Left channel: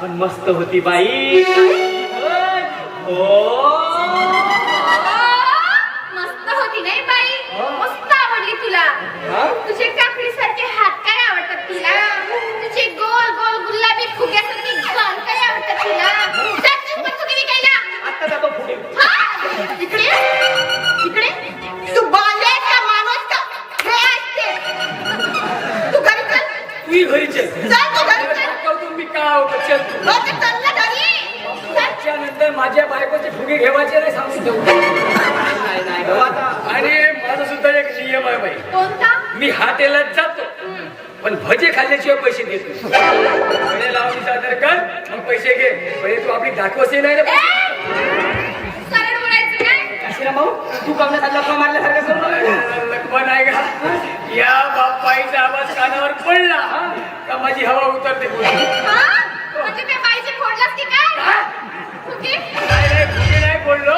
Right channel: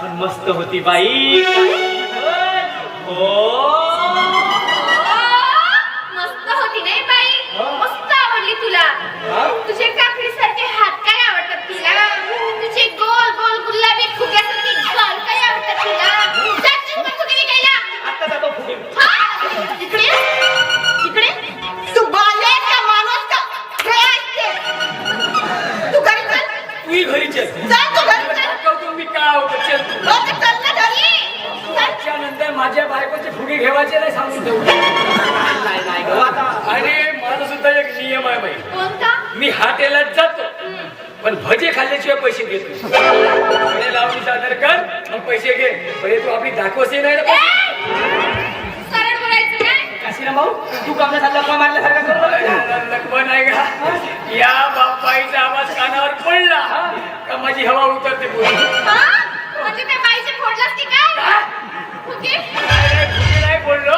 पण मस्त होती बाई. हो मस्त होती नाही बाई, मस्त आवडली तुला. तुझे काकडी सारखे हात काय आवडतात तुला, तुझे गोल गोल गुलाबी फुग्यासारखे गाल काय आवडतात तुला. जाशील का फुगे विकायला? आता जातो फुगे. इकडे इकडे तू बालेस का माणूस का हे असते. तू घरी चल. तू घरी चल. चल तू घरी चल. तुम्ही का चल लोक चल ना घरी. त्याच्यानंतर माझ्या बायकोचे फुगे घेवायचे नाही सांगून ठेवू. नाही बाबा. आणि माझा सुद्धा एक नियम आहे बाई. कोणता? मी हॉटेलात जातो पण भजे खाल्ल्याशिवाय पैसे घेत नाही. लावून सादर कर मग पैसे घे. पहिले तू आपली दाखवसे नाही रे. सरळ बोलायचं नाही. काशीराम भाऊ तू कामला लपा मारल्यासारखं करू. लक्ष्मण आहे का या बापाईचा आवाज कानावर पडला का माझी हवा उतरते. म्हणजे त्या बाईचे फोडलास की काय? ओके. नाही बोललो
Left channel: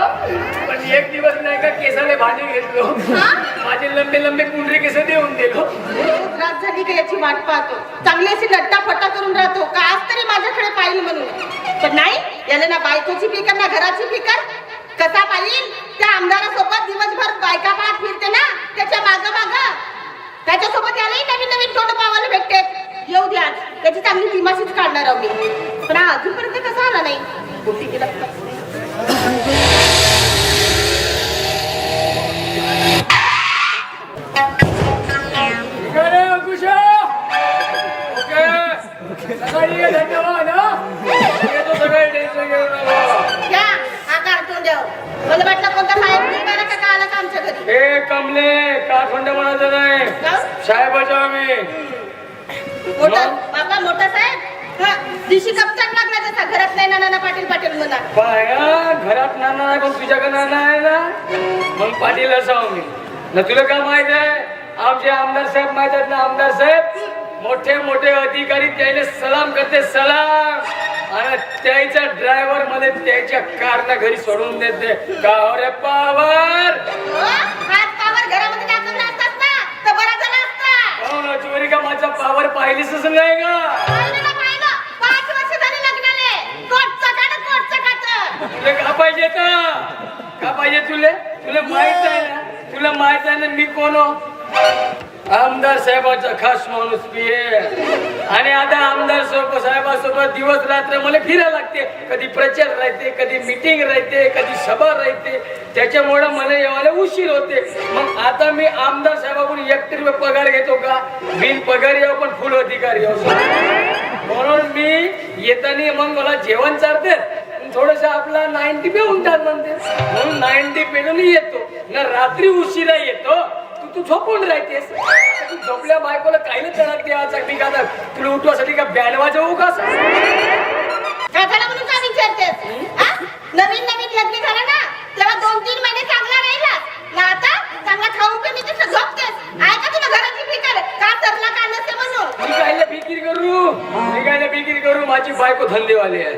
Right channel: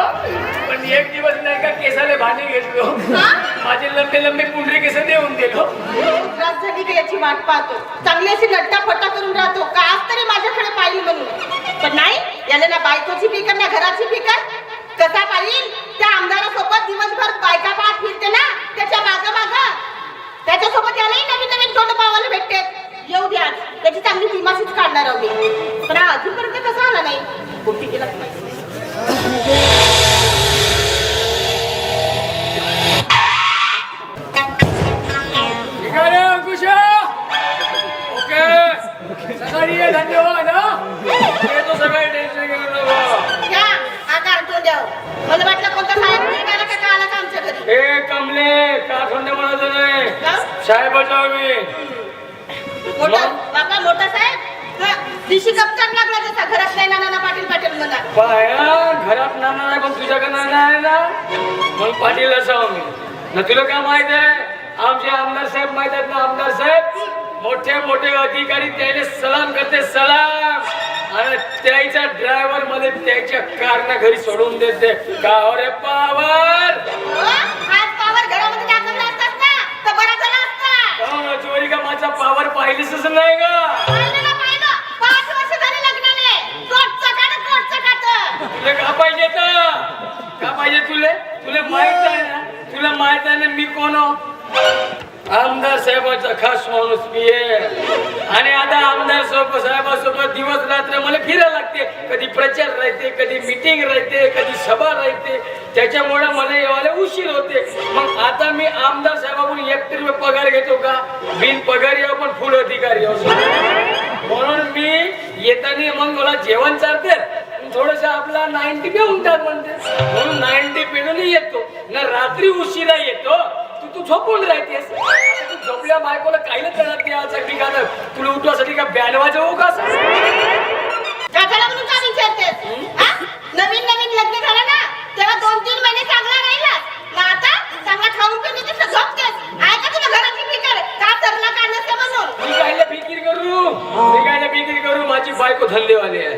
पण एक दिवस नाही का केसाला भांडी घेतलो. माझे लंबे लंबे कुंडरे केस देऊन दिलो. रात झाली की याची वाट पाहतो. चांगली अशी लट्टाफट्टा करून राहतो का आज तरी माझ्याकडे पाहिजे म्हणून. पण नाही याला ना बायकोची फिकर ना घराची फिकर. कसा पाहिजे त्या आमदारासोबत दिवसभर बायका पाहत फिरते ना त्याच्या माग माग. त्याच्यासोबत यालाही नवीन नवीन तोंड पावायला भेटते. येऊ द्या त्याची चांगली दिमाशीच काढणार आहोत मी. पण हा अजूनपर्यंत कसा आला नाही. कुठे गेला ओके सकाळी ये. धन्यवाद. येतो सगळे टेन्शन घेऊन नको. द्या हा कार्टून द्या. मला वाटलं कोणता साहेब निघाला का काय आला का आमच्या घरी. हे कमले का थंड म्हणायचं नाही साहेबाच्या मी. मोठा बाबा मोठा साहेब हा दिशी कप्तान लागला जसा घरात नाही नाना पाटील पाटील म्हणा. पाया घरात नाना आहे पण तुझ्याकडे नाना आहे ना मग पाटील असावं मी ना. तुला काय माहित आहे आमचे आमदार साहेब माहित आहेत ना. आमदार साहेब मोठे मोठे अधिकारी त्याने सलाम करते सलाम. आणि त्याच्या ड्रायव्हर मध्ये त्याच्या कारला घरी सोडून देते. का रे पावर हात पावर घरामध्ये टाकून असतात ना तर बरा झाला असता. चोरी का माझा पावर पाहिलीच नाही का. पाहिलं 5 वर्ष झाली लग्नाने. कोटचं काढ कोटचं काढ. तुला का पाहिजे का पाहिजे तुले तुला माहित आहे ना. तुला माहित आहे ना मी कोण आमदार साहेबाचा खास माणूस मी आहे. आणि आता आमदार साहेबासोबत दिवस रात्र मला फिरायला लागते. कधी प्रचार राहते कधी मीटिंग राहते कधी सभा राहते. त्याच्यामुळे मला यायला उशीर होते. मग आता मी आमदार साहेबाकडून 1 रुपये पगार घेतो का. बिन पगारी आहो पण फुल अधिकारी असो. म्हणून मी येताना मग मला जेवण चालते थोडस आपला 90 पे म्हणतात म्हणते. म्हणून 90 पे येतो ना. रात्री उशिरा येतो. तू झोपून राहतेस. तू झोपल्या बायकोला काही नाही करत देवासाठी का. तुला उठवासाठी का बँड वाजवू का. काकाला म्हणून का विचारतेस. नवीन नवीन लग्न झालं ना तेव्हा 2-3 महिने चांगला राहिला ना. आता चांगला खाऊन पिऊन तिथं झोपतेस. आहे का तुला घराची फिकर का सरला काढण्याचं म्हणून. मी काय फिकीर करू माझी बायको धंदेवाली आहे.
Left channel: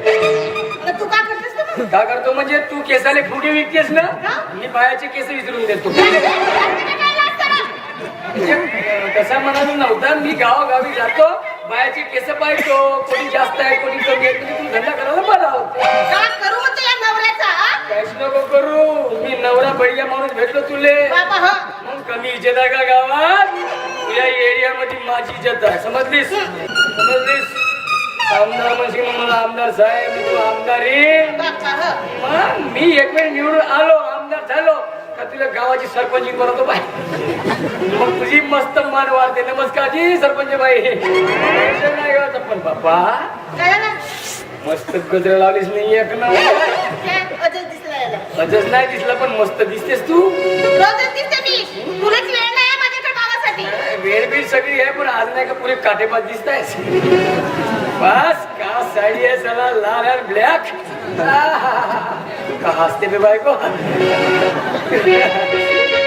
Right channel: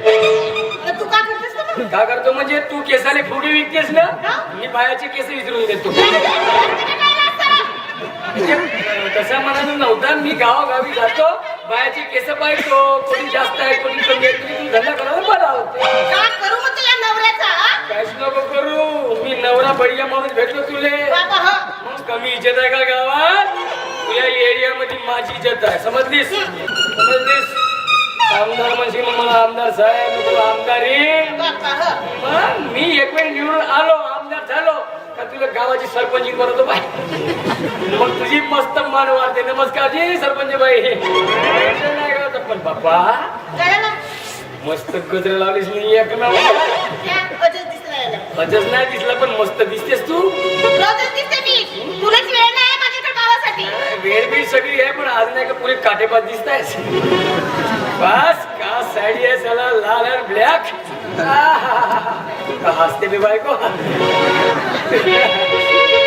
तू का करतेस तू. का करतो म्हणजे तू केसाने फुगे विकतेस ना. मी बायाचे केस विचारून देतो. तसा म्हणाला नव्हता. मी गावागावी जातो बायाचे केस पाहतो. कोणी जास्त आहे कोणी कमी आहे. तुम्ही धंदा करायला बरा होतो. का करू म्हणतो या नवऱ्याचा. काहीच नको करू. मी नवरा बढिया माणूस भेटलो तुले. बाबा हो मग कमी इज्जत आहे का गावात. या एरियामध्ये माझी इज्जत आहे. समजलीस आमदार म्हणजे मला आमदार साहेब मी तुला आमदारी. बाबा हो मग मी एक वेळ निवडून आलो आमदार झालो का तुला गावाची सरपंच करतो बाई. मग तुझी मस्त मान वाढते. नमस्कारजी सरपंच बाई. टेन्शन नाही का. पण बाप्पा कळलं ना. मस्त गजर लावलीस नाही एक नंबर. क्या अजय दिसला याला. अजच नाही दिसला पण मस्त दिसतेस तू. रोजच दिसते मी. पुरेच वेळ नाही आहे माझ्याकडे गावासाठी. वेळ बी सगळी आहे पण आज नाही का पुरे काटेपात दिसतायस. बस का साडी आहे चला लाल आणि ब्लॅक. हसते बी बायको.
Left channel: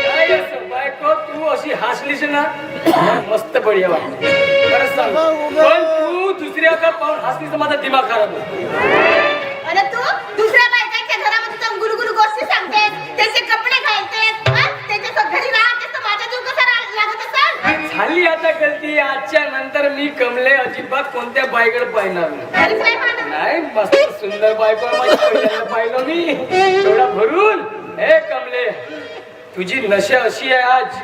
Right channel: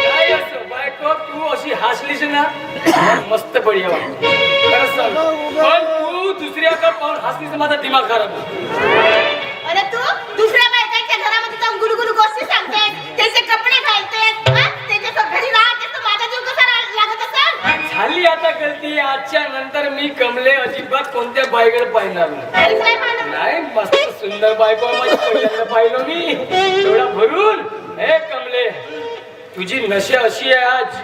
काय असं बायको तू अशी हसलीस ना मस्त बढिया वाटत. खरंच सांग पण तू दुसऱ्याकडे पाहून हसलीस तर माझा दिमाग खराब होतो. अरे तू दुसऱ्या बायकांच्या घरामध्ये जाऊन गुलगुलू गोष्टी सांगतेस. त्याचे कपडे घालतेस. त्याच्या घरी राहतेस तर माझा जीव कसा लागत असेल. झाली आता गलती. आजच्या नंतर मी कमले अजिबात कोणत्या बाईकडे पाहिणार नाही. घरीच नाही पाहणार. नाही मस्त सुंदर बायको आहे माझी, पहिल्यांदा पाहिलं मी एवढा भरून. हे कमले, तुझी नशा अशी आहे आज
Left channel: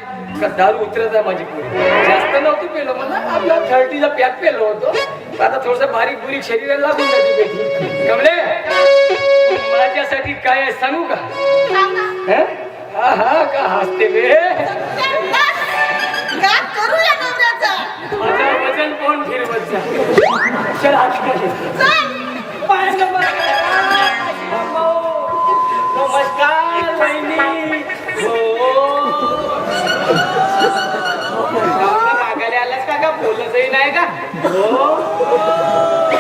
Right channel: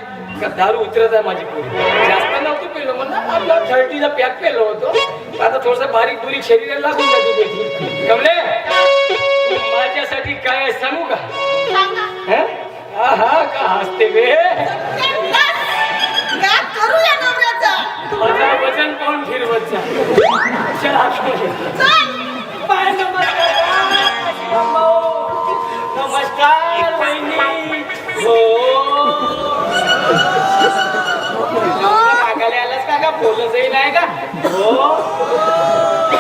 का दारू उतरत आहे माझी पोरी. जास्त नव्हतं पेलो मला, आपला 30चा पॅक पेलो होतो. आता थोडस बारीक बुरीक शरीराला लागून जाते पेटी. कमले, माझ्यासाठी काय आहे सांगू का? हं? हा का हसते बे. करूया नवऱ्याचा. माझं वजन पाहून फिरवत जा. चल बाय, नमस्कार वहिनी. हो रागाला आलास का बोलतही नाही का? हो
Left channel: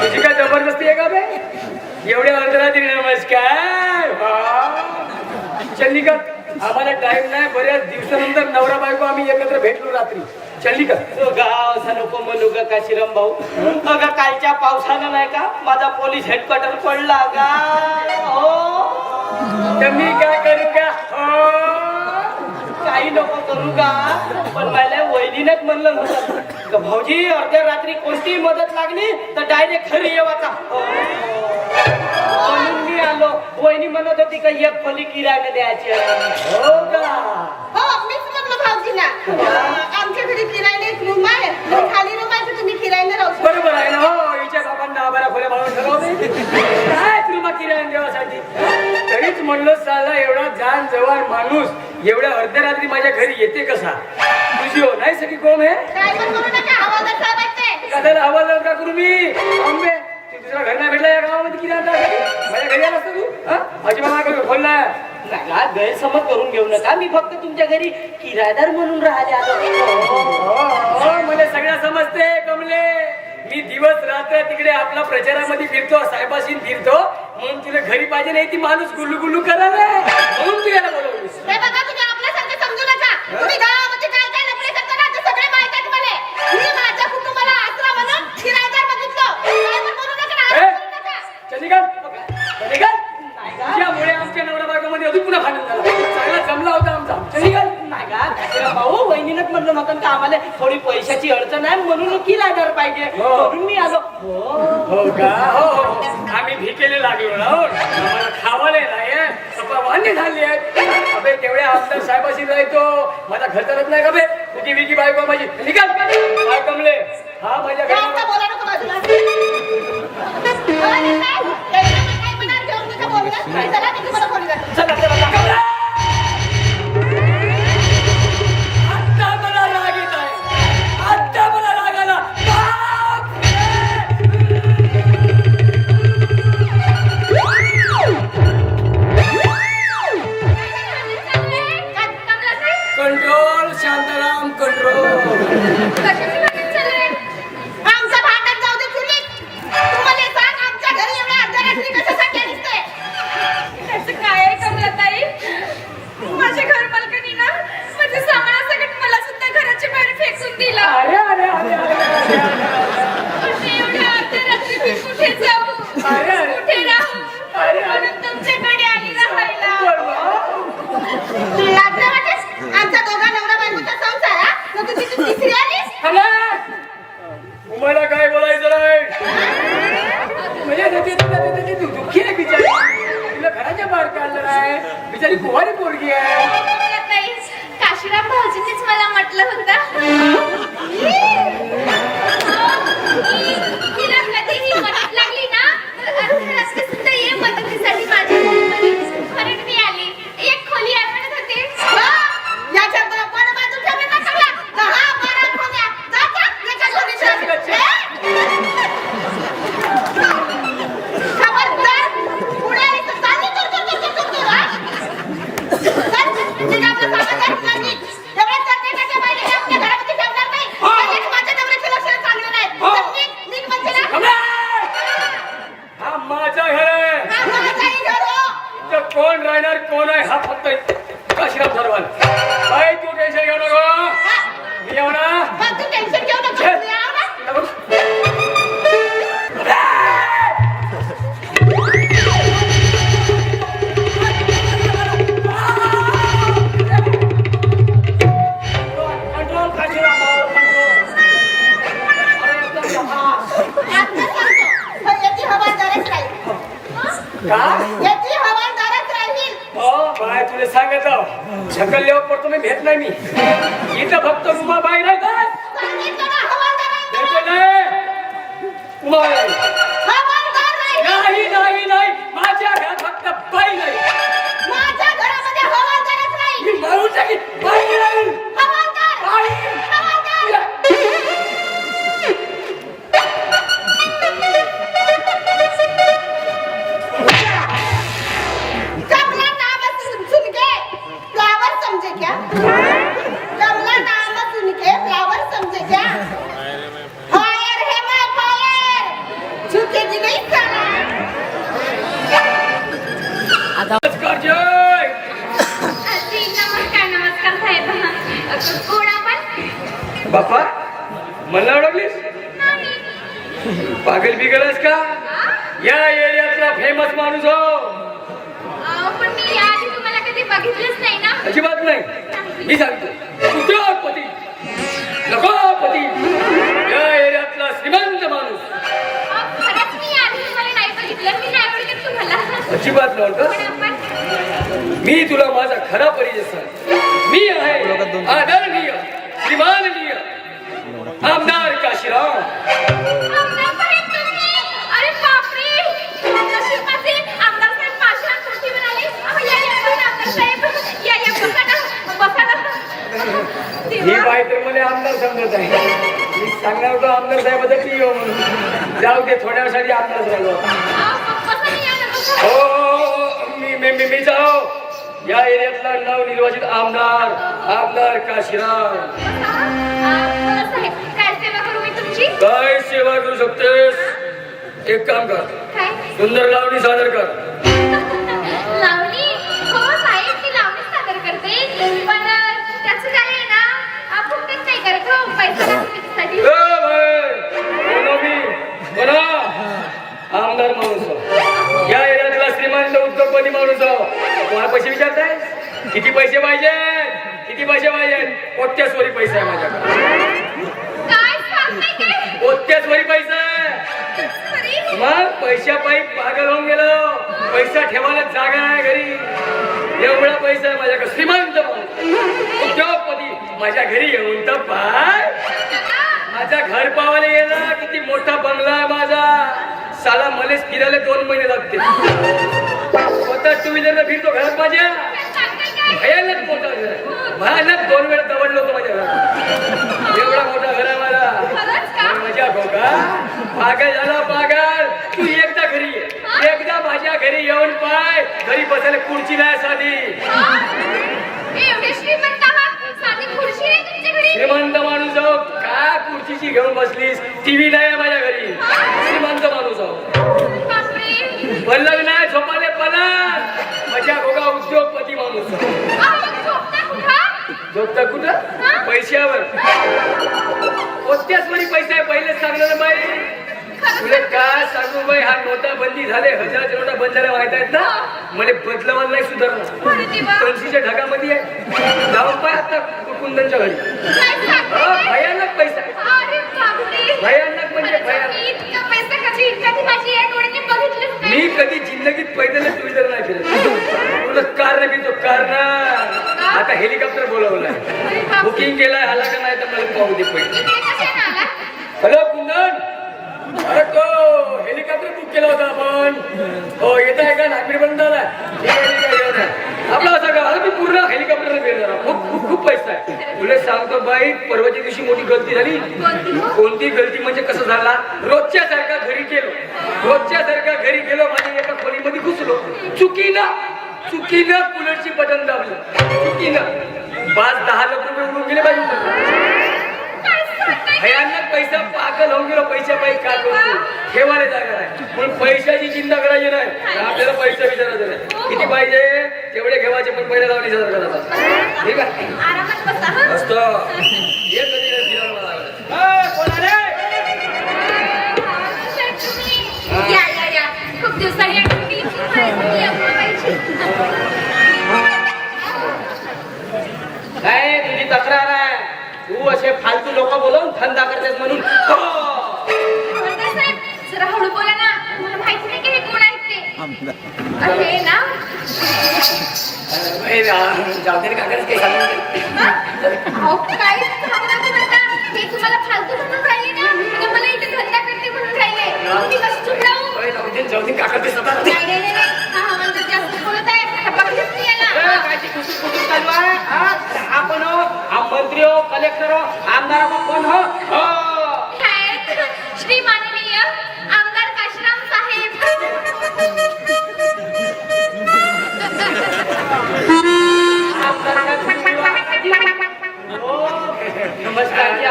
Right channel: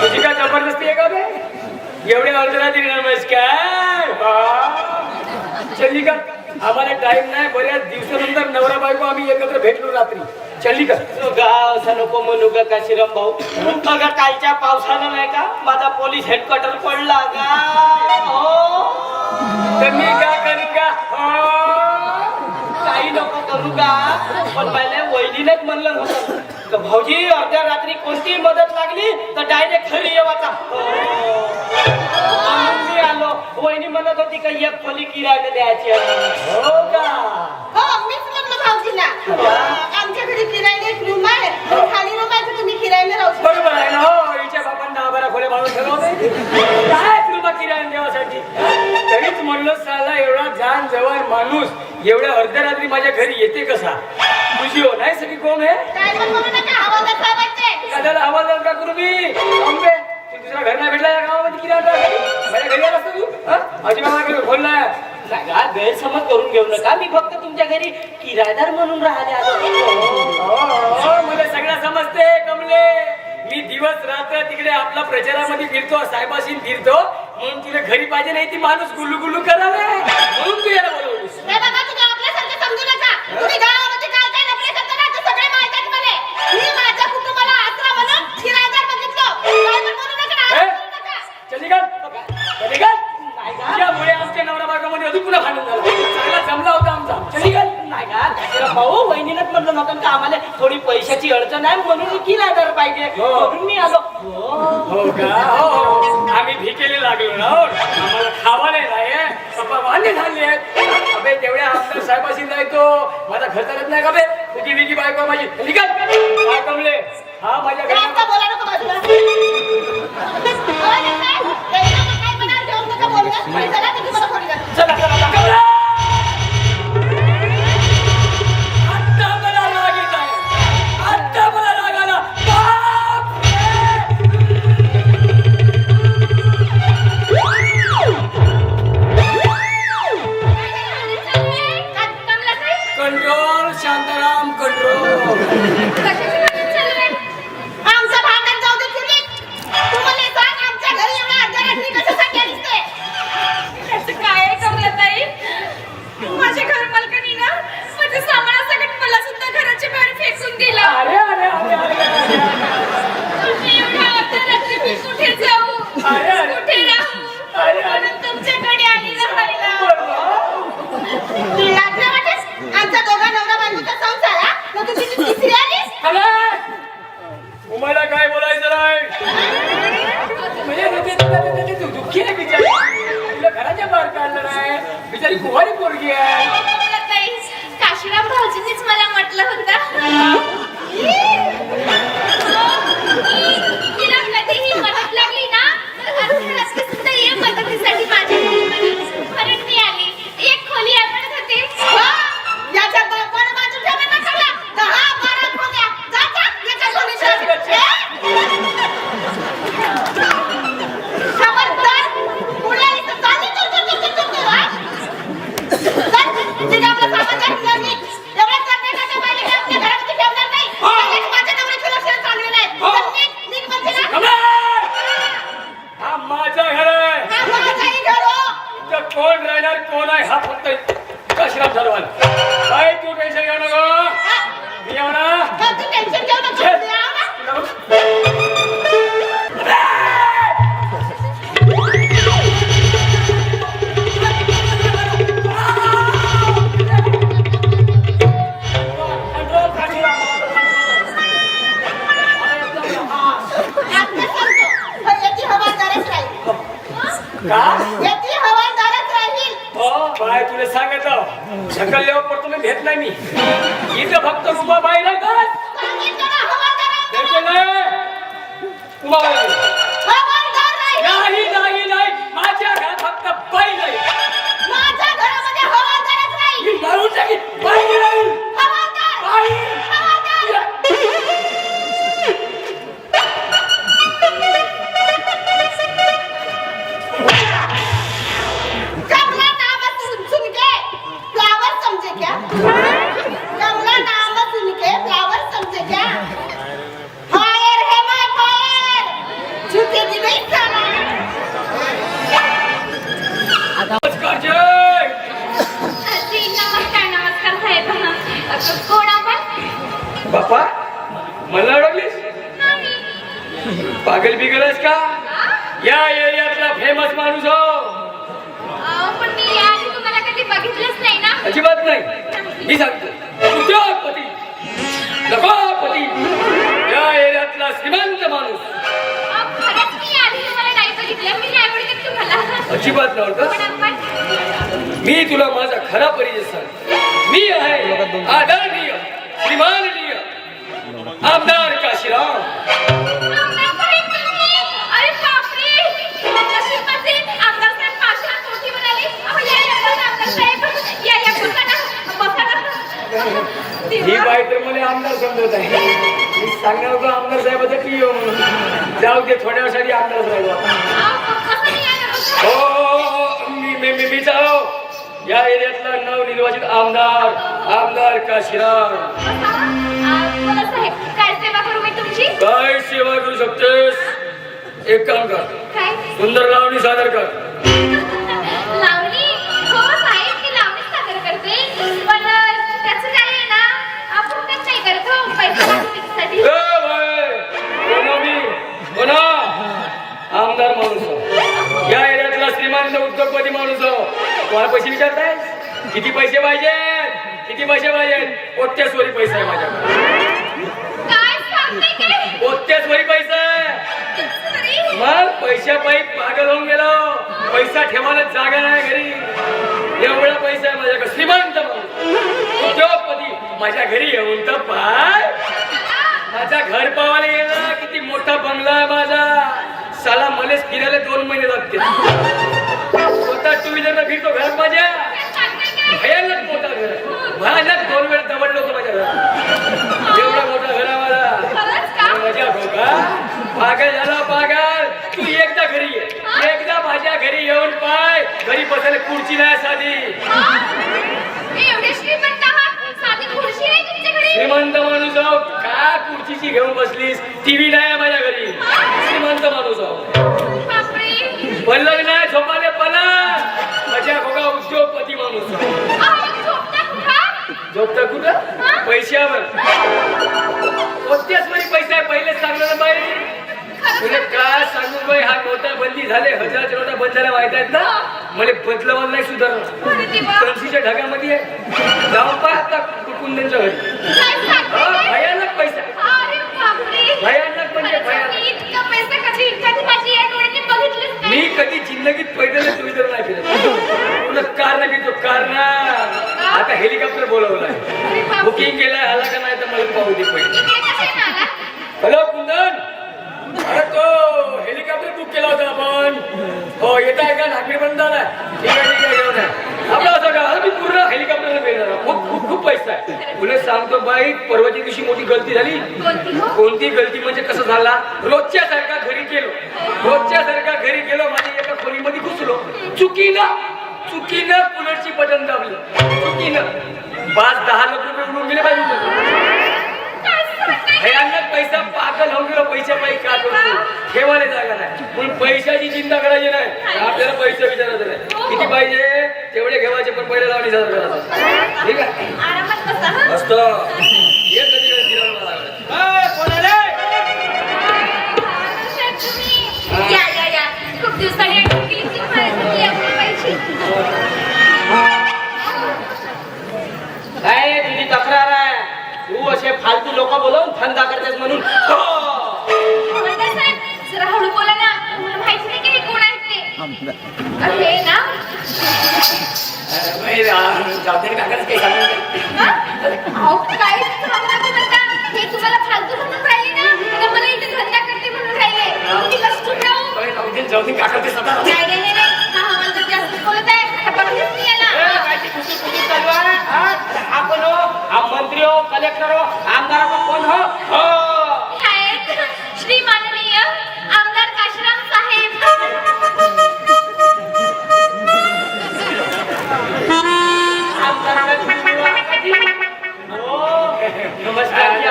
तुझी काय जबरदस्ती आहे का बे? एवढ्या अर्धरात्री नमस्कार. चल्ली का? आम्हाला टाइम नाही. बऱ्याच दिवसानंतर नवरा बायको आम्ही एकत्र भेटलो रात्री. चल्ली का? गाव असं नको म्हणू ग काशीराम भाऊ. बघा कालच्या पावसानं नाही का माझा पोलीस हेडक्वार्टर पडला का? हो तर मी काय करू का? काही नको करू का? पण मला वहिनीनेच म्हणलं नव्हतं का भाऊजी अर्ध्या रात्री कोणतीही मदत लागली तर डायरेक्ट घरी येवाचा. म्हणून मी आलो. वहिनी म्हणत होती का एक खोली किरायाने द्यायची आहे. हो का? हो मीच म्हणलो भाऊजींना, आमच्या घरी किरायाने एक रूम आहे, खाली रूम आहे, तर तुम्ही किरायाने राहू शकता. बरोबर आहे ना. हो, हिच्या बापांना 10-12 खोल्या माणूस ठरवते काय तुला किराया देवासाठी. तरीच म्हणलो साला एवढा जान जवान माणूस एवढ्या अर्ध्या रात्री माझ्या घरी येते कसा? तुझी हो नाही सगळी कोण आहे? काय पण बोलू नका, आवाज असा वाटते. कदाला आवाज लावून का करू मी? आंबे, तू दुसरा घर ना भेटला या गावामध्ये किती आता? माझ्या घरी आलास तू? अजिबात खोलला. जागा गैरसमज करून घेऊ नका. मी फक्त तुमच्या घरी किरायदार म्हणून राहिले आलो. मला सगळं समजते कमले. मी दिवस रात्र तिकडे आपला प्रचारामध्ये फिरतो, साहेबाशी फिरतो, म्हणून तुला घरी पाहिजे नाही ती माणूस गुल्लू गुल्लू करायला, म्हणून तू याला बोलवलीस. हे बघा, तुम्ही आपल्यासारखे समजू नका. तुम्ही गावामध्ये काय काय लफडे करता ना, ते सगळे माहित आहे मला. मी माझ्या कुटुंबाला आसरा म्हणून किरायदार बघितलो. काय पण बोलू नका, आवाज करू नका. चलिका तुझ्यामुळे आमच्या नवरा बायकोमध्ये अजून पुन्हा भांडण झालं. चांगला जमला होता आमचा. चलिका नाही का काशीराम भाऊ, वहिनीनंच म्हणलं नव्हतं का आम्हाला थोडी पैशाची अडचण आहे म्हणून किरायदार पाहिजे म्हणून मी आलो. हो का? हो, आम्ही भिकेले लागलो ना. आम्हाला खावाले नाही पप्पा वांदे झाली आहेत. अबे तेवढ्या आमदार साहेबाशी जायचो, माझा खर्च करत नाही का बे? उगी बिगी बायको माझी. चलिका काय कमले? हा माझ्या घरी जास्त बोला नको बाजूला. आवाज येत आहे? त्याला काय मनात घेऊन नका बोलू. चला, मी तुम्हाला खोली दाखवते. चला चला चला. आता मला राग येत आहे. आता मला राग आला. Control Shantaram control. आमचं भांडण जाऊ दे तुम्ही. तुम्हाला सांग, आमच्या घरी एवढ्या अर्ध्या कशासाठी दिसते? त्याचं काय करत ताई? माझ्या घर मालकानी ना माझ्या सामानासकट मला सुद्धा घराच्या बाहेर फेकून दिलं. अरे अरे अरे अरे पण मी एवढ्या अर्ध्या रात्री मी कुठे जाऊ, कुठे राहू, म्हणून तुमच्याकडे आली राहायला. लाजल्या वाटेस? आमच्या दोघा नवरा बायकोचा संसार हा? मग तुझी ती तिसरी आलीस? तुम्हाला काय बोलायचं नाही. म्हणजे तू दुःखी आहे बिचारी. तुला घराच्या बाहेर काढलं नाही. बिचारी कुवारी पोरगी आहे. ताई, काशीराम भाऊजींनीच मला म्हटलं होतं तिला कधीही मदत लागली ना तर अर्ध्या रात्री सुद्धा ये मदतीसाठी माझ्या घरी. म्हणून मी आली. एक खोली आपण होते. याच्या बापानं बाजू ठेवलं ना सगळ्या. 10-12 खोल्या. जा, जा, याच्या घरी जा. खबरदार. पुढे आली तर चालली तर, हा? चल, तिने आपलं सामान घातलं नाही. एवढ्या जगण्याच्या बाहेर मी आपल्या घरामध्ये ठेवणार नाही. लगेच माझ्या नवऱ्याची लक्षणं चांगली नाहीत. चल, निघ म्हणते ना. हा माझा घर आहे. हा माझाही घर हो. तर कोण राहणार कोण आहे हा फक्त काशीराम ठरवाल. काय तू टेन्शन घेऊ नको. मी येऊ ना. पण तू टेन्शन घेऊ नको. मी आव ना. कंट्रोल काशीराम भाऊ, कंट्रोल. आत्ताच सांगतो. पण याची हवा जराच राहील. का याची हवालदारच राहील. हो बाय तुला सांगतो ढकलल्यावर पण तुम्ही भेट नाही मी इथं फक्त उमाबाई नाही का सांगितलं ना हवालदार. उमाबाई हवालदार राहील. नाही माझ्या घरात फक्त बाई नाही माझ्या घरामध्ये हवालदारच राहील. मी मारून टाकीन बाई नाही हवालदार. बाई हवालदार. कमला नाम सुन के फ्लावर समझे क्या? कमला नाम सुन के फ्लावर समझे क्या? फायर है मैं फायर. झुकेगी नहीं साला. नमस्कार जय अजी, नमस्कार साहेब. कोण आपण? बापा मला ओळखलीस पागल बिगलस का या एरियातला फेमस माणूस हो पण मी याआधी तुम्हाला कधी बघितलंच नाही ना. अजिबात नाही मी सांगतो उद्योगपती लखोपती या एरियातला श्रीमंत माणूस खरंच मी याआधी तुम्हाला नाही बघितलं. मी नाही बघितलं तुम्हाला. अजिबात कोण नव्हतं आपण? मी तुला माझा खरा परिचय सांग मी आहे आदरणीय श्रीमाननीय आमदार काशीराम आमदार साहेब तुम्ही? अरे बापरे, नशिबाचे आमदार साहेब माझ्या मोठी म्हणाली. या बसा आमदार साहेब. या बसा ना. बसा ना. ही देवा. बाई तर मला आमदार समजत आहे मी सांगणार होतो आमदार साहेबाचा की येऊ म्हणून जाऊ दे थोड्या वेळासाठी आमदार राहिलो कसं नाही येणार? हो मी जाओ या एरियातला नवनिर्वाचित आमदार काशीराम बोला साहेब, काय सेवा करू मी तुमची? काय सेवा करू शकतेस एक काम कर काय? सुंदर लावणी सादर कर लावणी? हो साहेब, मी लावणी सादर करते. पण त्याचं काय आहे ना, आपण तेच नाही करत हो, पैसे वाचवण्यासाठी. आमदार माणूस या एरियातला श्रीमंत उद्योगपती माणूस तुम्हाला पैसे विचारताय किती पैसे पाहिजे कोट्यासवरी पैसा आहे माझ्याकडे काय सांगताय काय? कोट्यासवरी पैसा आहे अरे, मग पैशापायी पागल होऊन गेलो पैसा ठेवायला जागा नाही घरी एवढा पैसा आहे माझ्याकडे श्रीमंत माणूस उद्योगपती माझ्या घरी येऊन तर पाय माझा घर पावायला गेला किती मोठा बंगला आहे माझा साला मलेच फिरायला 2 महिने लागते स्वतः टू व्हीलर फिरतो घरात माझ्या भयानक मोठा घर भयानक 2 वेळा दबडलो होतो माझ्या घरात एवढा मोठा घर आहे मला मजा भाऊ का पागल झाला पागल तू एकदा घरी ये एकदा माझ्या घरी येऊन पाय घरी बसायला खुर्ची नाही साधी एवढे श्रीमंत आहात, साधी खुर्ची आहे तुमच्या घरी? श्रीमंत माणूस आहो काय खुर्चीची घेऊन बसलीस टीव्ही नाही माझ्या घरी श्रीमंत माणूस आहो बापरे. पल्लव नाही झोपाले पलंग माझ्या घोडा उद्योगपती माणूस आहो अहो, झोपता कुठं? झोपता कुठं पैशावर कोणत्याच वेळी पैसा आहे पहिलेच सांगलं ना बाई तुला काय सांगू बाई हा नोटा बंदी झाले हजाराच्या नोटा बंद झाल्या माहित आहेत ना मला बदलवायला नाही सुधारणा कणशीच्या ढगामध्ये जाऊन पाय आता कुंदनच्या घरी काय सांगताय? भयानक पैसा अरे बापरे. भयानक म्हणजे खरंच भयानक मी इतका पैसा कधी इतका माझी या डोळ्याने बघितलंच नाही. मी कधी जिंदगीत पैदल सुविधा नाही केलं तुला कार नाही तो कार ना आता हेलिकॉप्टर बोलावलं अरे बापरे. बुकिंग केलं आला का नाही तर मला पाहू दे पहिले इकडे कशाने आला? हॅलो कुंदन अरे तो हेलिकॉप्टर बुक केला होता आपण हो येत आहे का नागपूर पर्यंत आला ठीक आहे येऊन आपला असं का मी पूर्ण हेलिकॉप्टर गेला खूप पैसा आहे तुला सांगतो बाई परवाच्या दिवशी मोठी गलती झाली कोणती गलती म्हणजे कसं झाला रोजच्या सारखा घरी गेलो माझ्या एका खोलीमध्ये घुसलो चुकीनं कूलरची बटन दाबली चुकीनं 5-10 लाख रुपये उडून गेले पाहिजे भयानक पैसा पागल होऊन गेलो पैसा पाहिजे का करतो ठेवायला जागा नाही म्हणून पैशाची चिंता करायची नाही आपल्याला पैसे विचारायचे नाही किती पाहिजे तेवढे घेवायचे पण पहिला लावणी सादर करायचा ठीक आहे आरामात बसा हं. मस्त ये कधी फिरायला लागला साहेब, तुम्ही या. खूप दिवसांनी आठवण केली की मला या करायची. काय तुझी तक्रार आहे तू असे फालतू लोक बोलवून धंदा करतेस म्हणून आमदार साहेब, जरा हळू बोला ना. मला माहिती नाही की हे कोण आहेत ते. हे ना जाऊ दे काकाच काही सांगू नका. हा? अहो, काय सांगू नका म्हणता? हे तुम्हाला फालतू म्हणून राहिले ना का मला इथे धंदा करते म्हणून राहिले मी कसं चूक राहू जाऊ दे काका ते सदा नाही हा म्हणजे जास्त बोलत आहे बघलीच मी याला आपण हा मंत्री हो कलेक्टर हो आमदार हो कोण हो हो आहेत श्री माननीय आमदार काशीराम साहेब नमस्कार जी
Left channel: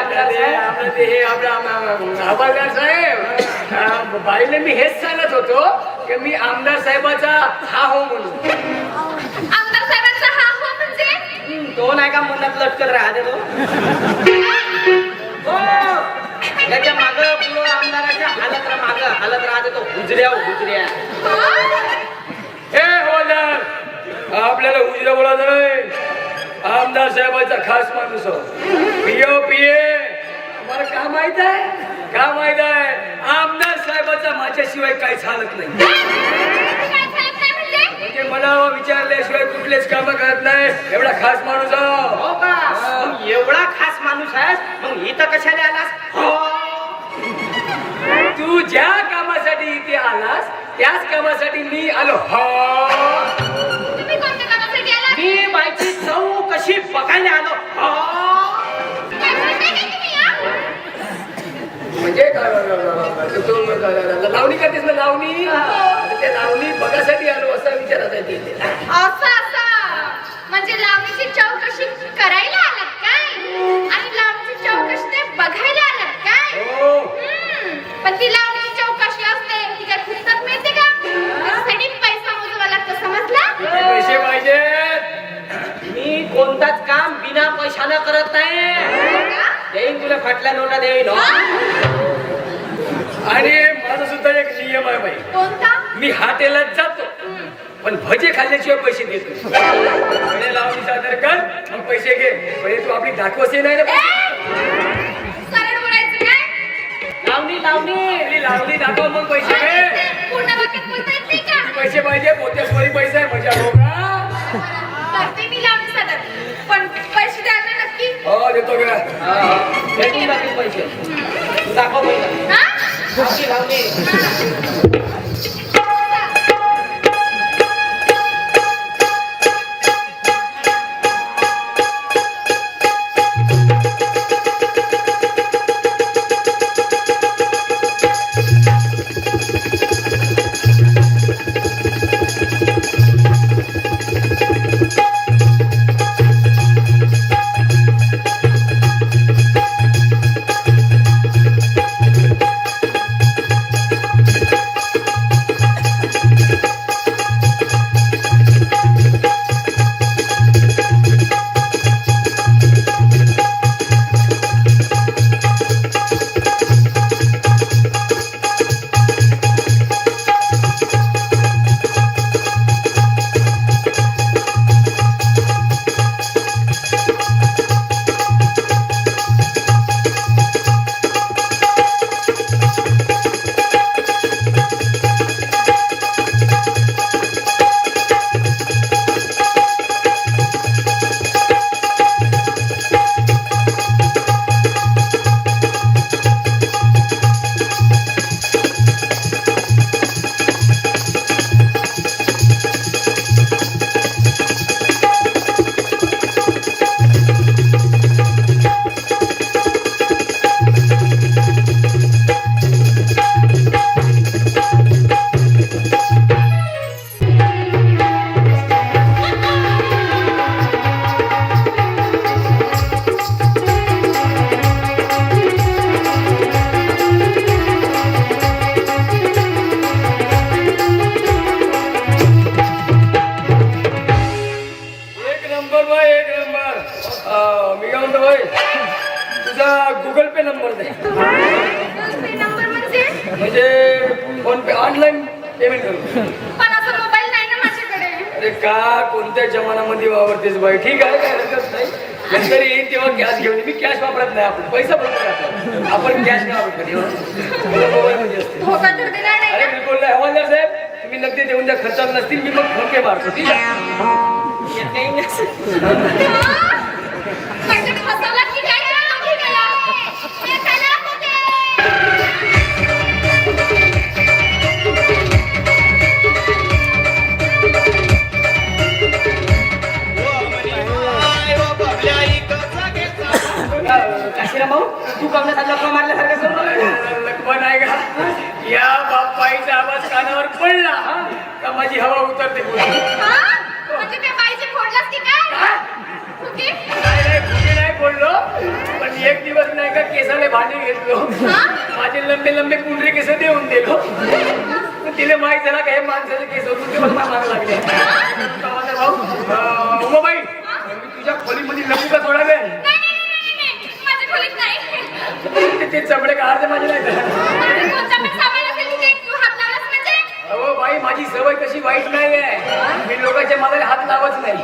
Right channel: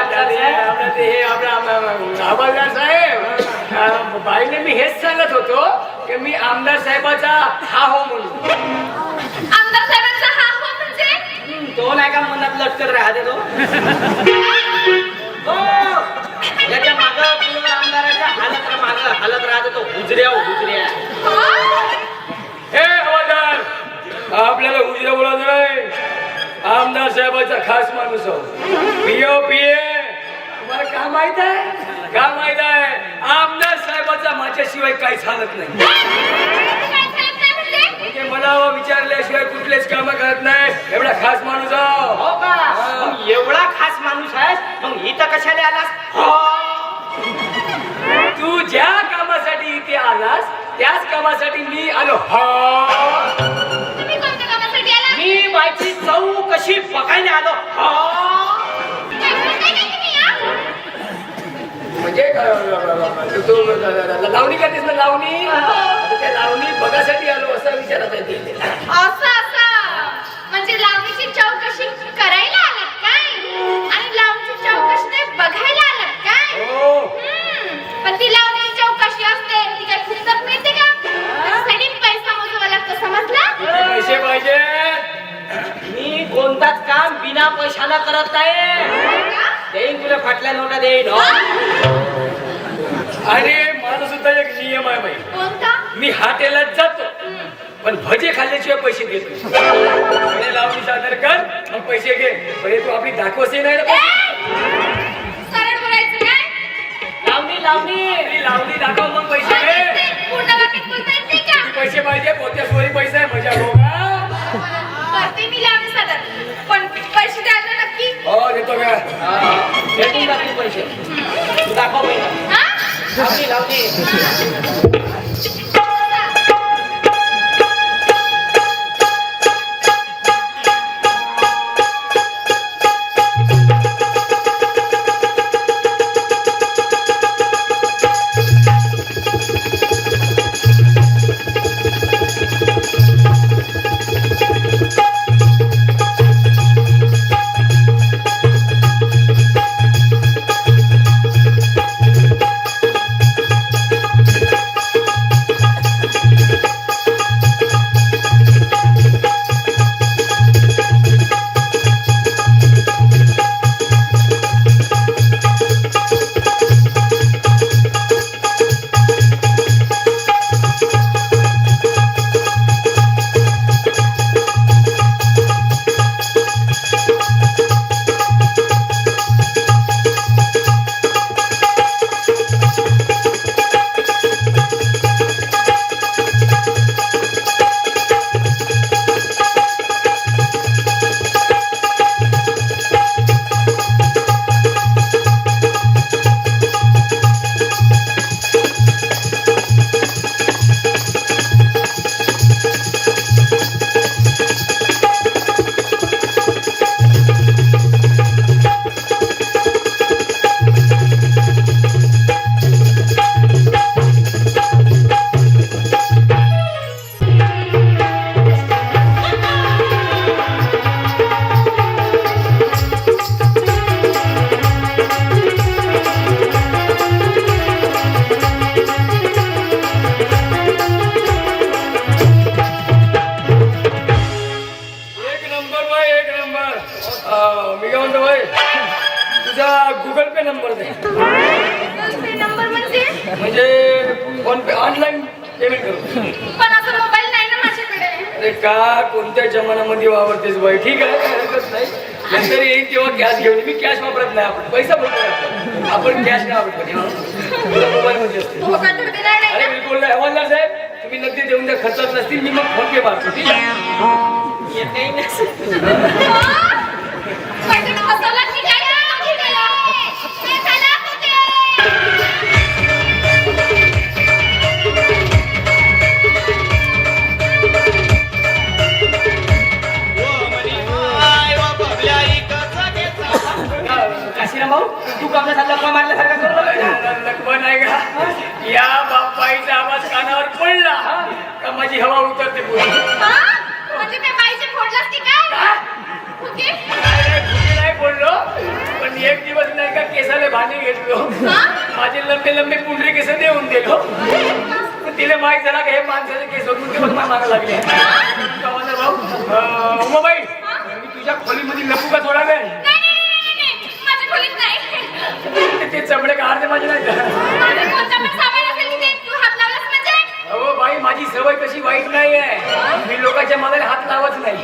आमदार साहेब बाईने मी हेच सांगत होतो की मी आमदार साहेबाचा हा हो म्हणून आमदार साहेबांचा हा हो म्हणजे तो नाही का मनात लटकत राहते तो हो. त्याच्या मागं पुढं आमदाराच्या हालत राहते तो हुजऱ्या हुजऱ्या हे हवालदार आपल्याला उजरा बोलायचं नाही आमदार साहेबाचा खास माणूस पियो पिये तुम्हाला का माहित आहे का माहित आहे आमदार साहेबाचा माझ्याशिवाय काही चालत नाही काय साहेब काय म्हणते म्हणजे मला विचारल्याशिवाय कुठलेच काम करत नाही एवढा खास माणूस आहो. हो का मग एवढा खास माणूस आहेस मग इथं कशाला आलास हो तू ज्या कामासाठी इथे आलास त्याच कामासाठी मी आलो तुम्ही कोणत्या कामासाठी आला मी बायची चव कशी बघायला आलो हो काय म्हणताय काय तुम्ही हा? म्हणजे लावणी करतेस ना लावणी ते लावणी बघासाठी आलो असं विचारत आहे ती. असं म्हणजे लावणीची चौकशी करायला आलात काय आणि लावणीची चौकशी ते बघायला आलात काय हो पण ती लावणीची चौकशी असते ती काय फुकटात मिळते का त्यासाठी पैसा मोजावा लागतो समजला पैसे पाहिजे मी कोणताच काम बिना पैशानं करत नाही देईन तुला फाटल्या नोटा देईन हो आणि माझा सुद्धा एक नियम आहे बाई कोणता मी हॉटेलात जातो पण भजे खाल्ल्याशिवाय पैसे देत नाही लावणी सादर कर मग पैसे घे पहिले तू आपली दाखवते नाही रे सरळ बोलायचं काय लावणी लावणी लावणी दाखव मग पैसे घे पूर्ण वाक्यात बोलता येत नाही का पैसे पाहिजे पोत्या सोळी पैसे आहे म्हणजे हो का करते मी लावणी सादर पण पैसे द्यायला नक्की हो देतो का भेटून जातील पैसे तू दाखव पैसा हा लावणी लावणी मी काय म्हणतो भाई तुझा गुगल पे नंबर दे नंबर म्हणजे फोन पे ऑनलाईन पेमेंट करू पण असं मोबाईल नाही ना माझ्याकडे अरे का कोणत्या जमान्यामध्ये वापरतेस बाई ठीक आहे काय हरकत नाही नंतर येईल तेव्हा कॅश घेऊन मी कॅश वापरत नाही आपण पैसा बोलतो आपण कॅश नाही वापरत मोबाईल मध्ये असते धोका तर दिला नाही अरे बिलकुल नाही हवालदार साहेब बिल ते देऊन द्या, खर्च नसतील मी मग फोन पे मारतो, ठीक आहे? पैसे फसवला की काय नाही केला हे त्याला काशीराम भाऊ तू कमला लपा मारल्यासारखं करू लागला. लक्ष्मण आहे का? या बापाईचा आवाज कानावर पडला का माझी हवा उतरते पुढे. म्हणजे त्या बाईचे फोडलास की काय ओके नाही बोललो, पण एक दिवस नाही का केसाले भांडी घेतलो, माझे लंबे लंबे कुंडले केस देऊन दिलो. तिला माहित झाला का हे माणसाचे केस होते मारा लागले. उमाबाई, मी तुझ्या खोलीमध्ये लपू का थोडा वेळ? माझ्या खोलीत नाही ते चमडे काढते माझे नाही का? माझे कोणता पण सामान असेल की नाही तू हात लावलास म्हणजे अहो बाई, माझी सवय कशी वाईट नाही आहे, मी लोकांच्या मागाला हात लावत नाही.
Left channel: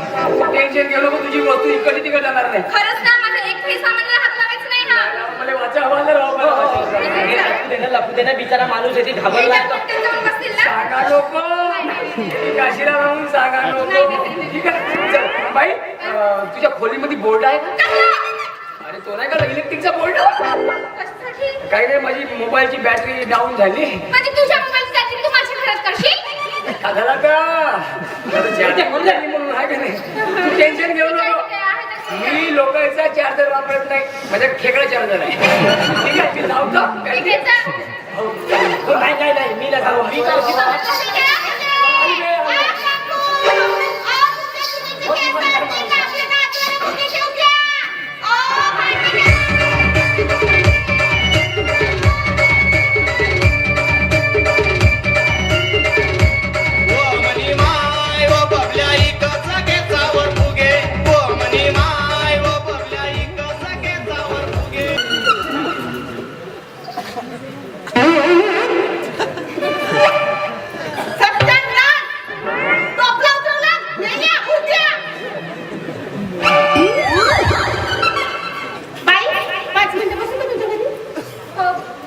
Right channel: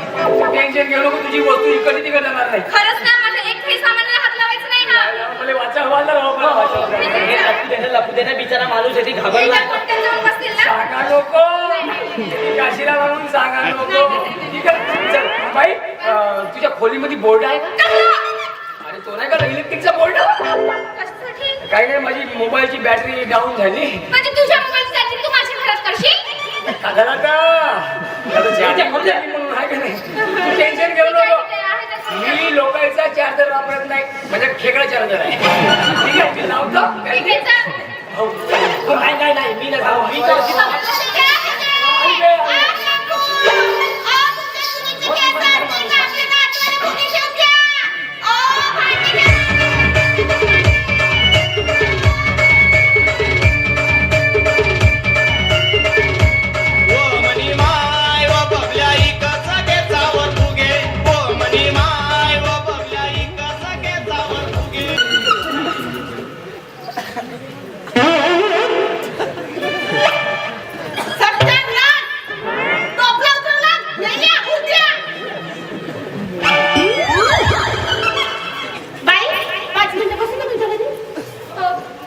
टेन्शन गेलो की तुझी वस्तू इकडे तिकडे जाणार नाही. खरंच ना माझ्या एक सामानाला हात लावायचं नाही हा मला वाचा हवा जर लपू देणं बिचारा माणूस आहे, ती घाबरला. त्यांच्यावर बसतील ना सांगा लोक, काशीला म्हणून सांगा लोक. ठीक आहे चल बाई, तुझ्या खोलीमध्ये बोर्ड आहे का? अरे तो नाही का इलेक्ट्रिकचा बोर्ड? कशासाठी काय काय माझी मोबाईलची बॅटरी डाऊन झाली. म्हणजे तुझ्या मोबाईलची चार्जिंग तू माझ्या घरात करशील झाला म्हणून आहे का नाही? तू टेन्शन घेऊ नको. मी लोकांचा चार्जर वापरत नाही, म्हणजे खेकडा चार्जर आहे. ठीक आहे, मी लावतो. ठीक आहे चल हो, चालेल. नाही नाही मी नाही जाऊ. मी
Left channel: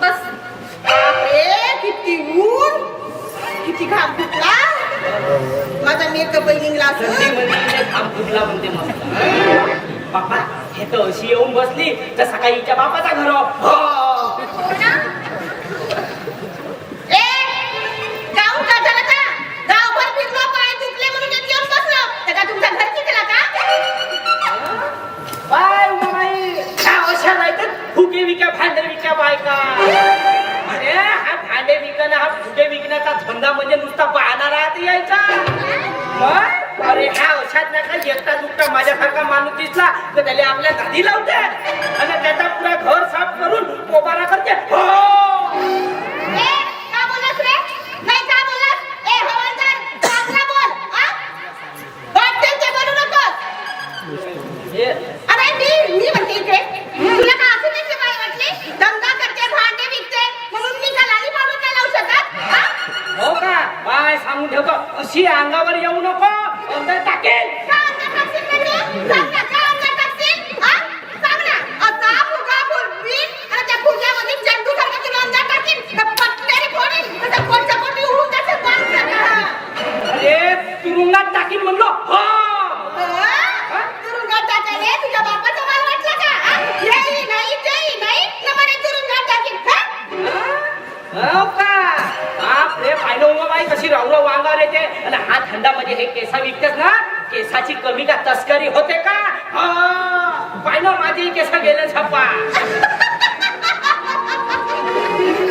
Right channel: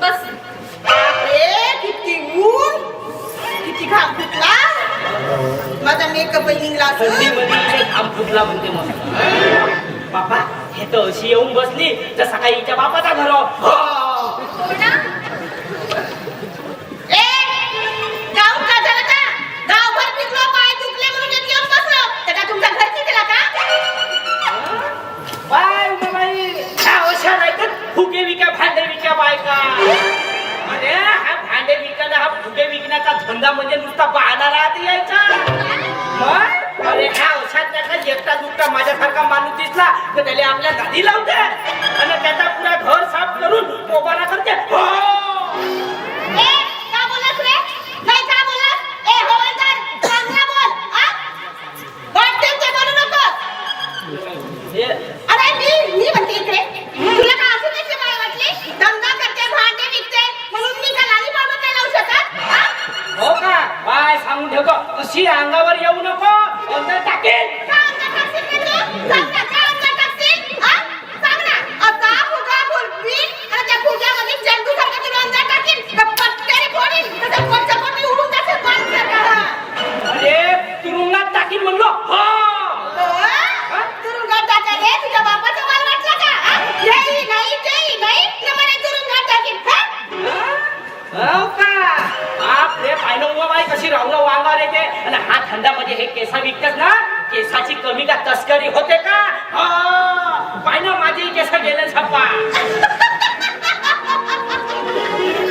बस किती ऊन किती घाम फुटला माझा मेकअप निघला बापा हे तर अशी येऊन बसली तर सकाळी हिच्या बापाचा घर ए गाव का झाला का गावभर फिरलो पाय दुखले म्हणून एक येऊन बसलो तर का तुमच्या घरची केला का बाय बाई हा अशा नाही तर फुगे विका भांडे विका बायका. अरे हा भांडे विकणं हा फुगे विकण्याचा धंदा म्हणजे नुसता बहाणा राहत यायचा. मग अरे हा अशात नाही का एकटा दुखटा माझ्यासारखा माणूस दिसला तर त्याला आपल्या दादी लावते आणि त्याचा पुरा घर साफ करून पोबारा करते. ए का बोललास रे नाही का बोललास ए हवालदार चांगला बोल हा वाटेल ते बोलू नकोस. अरे मी म्हणते इकडे तुला का असं नाही माय वाटली धंदा करते भांडे विकते म्हणून मी का लाली पाडून नाही लावू शकत हा? हो का काय सांगून ठेवतो अशी अंगावर येऊ नको अंदर टाकेल. का अंगात टाकशील रे तू? सांग ना, का अंगात टाकशील? हा? सांग ना, असा फुगा फुलवीन आणि त्या फुग्यामध्ये जंतूसारखं तुला अंगात टाकीन, का पटकन फोडीन, तसं पोटच्यापोटी उडून जाशील पाण्यासारखं. अरे तुरुंगात टाकीन म्हणलो. हो हो? तुरुंगात टाकायले तुझ्या बापाचा माल वाटला का? हा? हेही नाही, तेही नाही, न म्हणे तुरुंगात टाकीन, हा? हो का बाप रे पाहिलं उमा बाई कशी रांगलो वांगावर येते आणि हा धंदामध्ये हे केसा विकतात ना केसाची कमी का तस्करी होते का? पाहिलं माझी केस गेले छप्पा.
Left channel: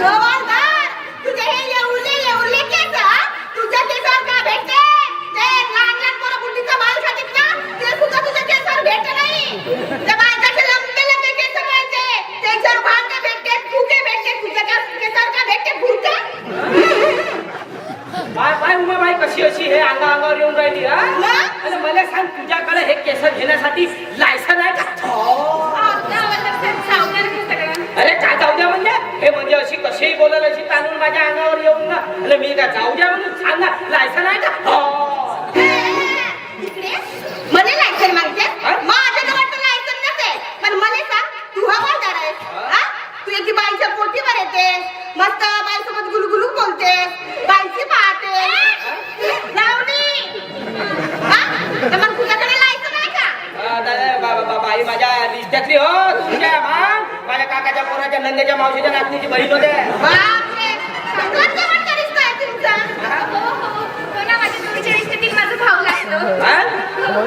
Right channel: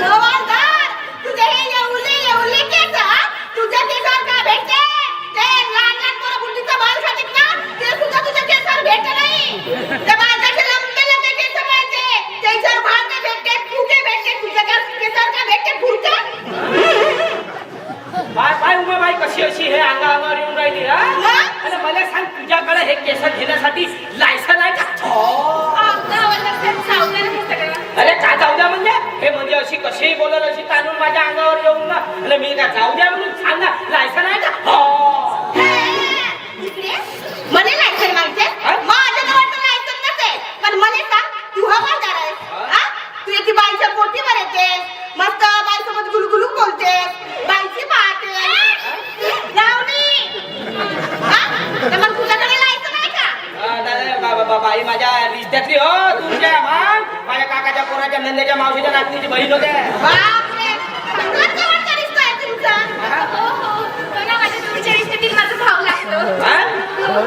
हवालदार, तुझे हे येऊले केस, हा? तुझ्या केसावर का भेटते? ते लहान पोरं बुद्धीचा माल खातात ना, ते सुद्धा तुझ्या केसावर भेटते नाही. त्या माणसाचे लंबे केस पाहिजे, त्याच्यावर भांडे भेटते, फुगे भेटते, तुझ्या केसावर का भेटते? फुरकं? बाय उमा बाई कशी अशी हे अंगावर येऊन राहिली हा? मग? आणि मला सांग तुझ्याकडे हे केस घेण्यासाठी लायसन आहे का? अरे का जाऊ द्या म्हणजे हे म्हणजे अशी कशीही बोलत अशी ताणून माझ्या अंगावर येऊन ना आणि मी का जाऊ द्या म्हणून सांग ना लायसन आहे का? हो इकडे मला लायसन मागते माझ्याजवळ तर लायसन नसेल पण मला सांग तू हवालदार आहेस हा? तू एकी बाईच्या पोटीवर येते मस्त बाईसोबत गुलगुलू बोलते बाईची पाहते नंद्याच्या मावशीच्या नातनीची बहीण होते. बापरे, कोण जवळचा रिश्ता आहे तुमचा? हो, हो. तो ना माझ्या तुमच्या रिश्तेतील माझा भाऊ लागतो. हा? हो.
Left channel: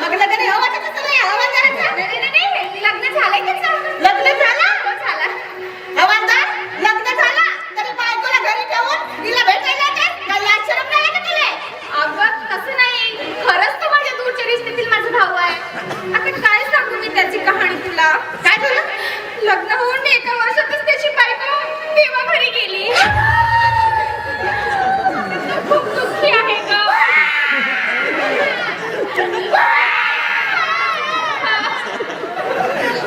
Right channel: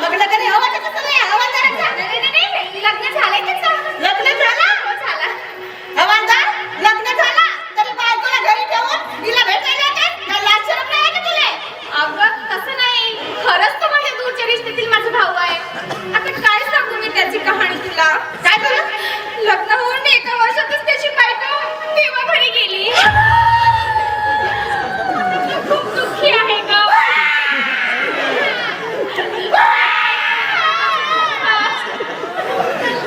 मग लग्न हवा का तसं नाही हवा करायचा नाही, लग्न झालंय त्याचं. लग्न झालं हो, झालं. हवालदार लग्न झालं तरी बायकोला घरी ठेवून तिला भेटायला येते काय लाज शरम नाही का तुले अगं, तसं नाही. खरंच तो माझ्या दूरच्या रिश्तेतील माझा भाऊ आहे. आता काय सांगू मी त्याची कहाणी तुला? काय झालं लग्न होऊन एका वर्षातच त्याची बायको तेव्हा घरी गेली. खूप दुःखी आहे गं.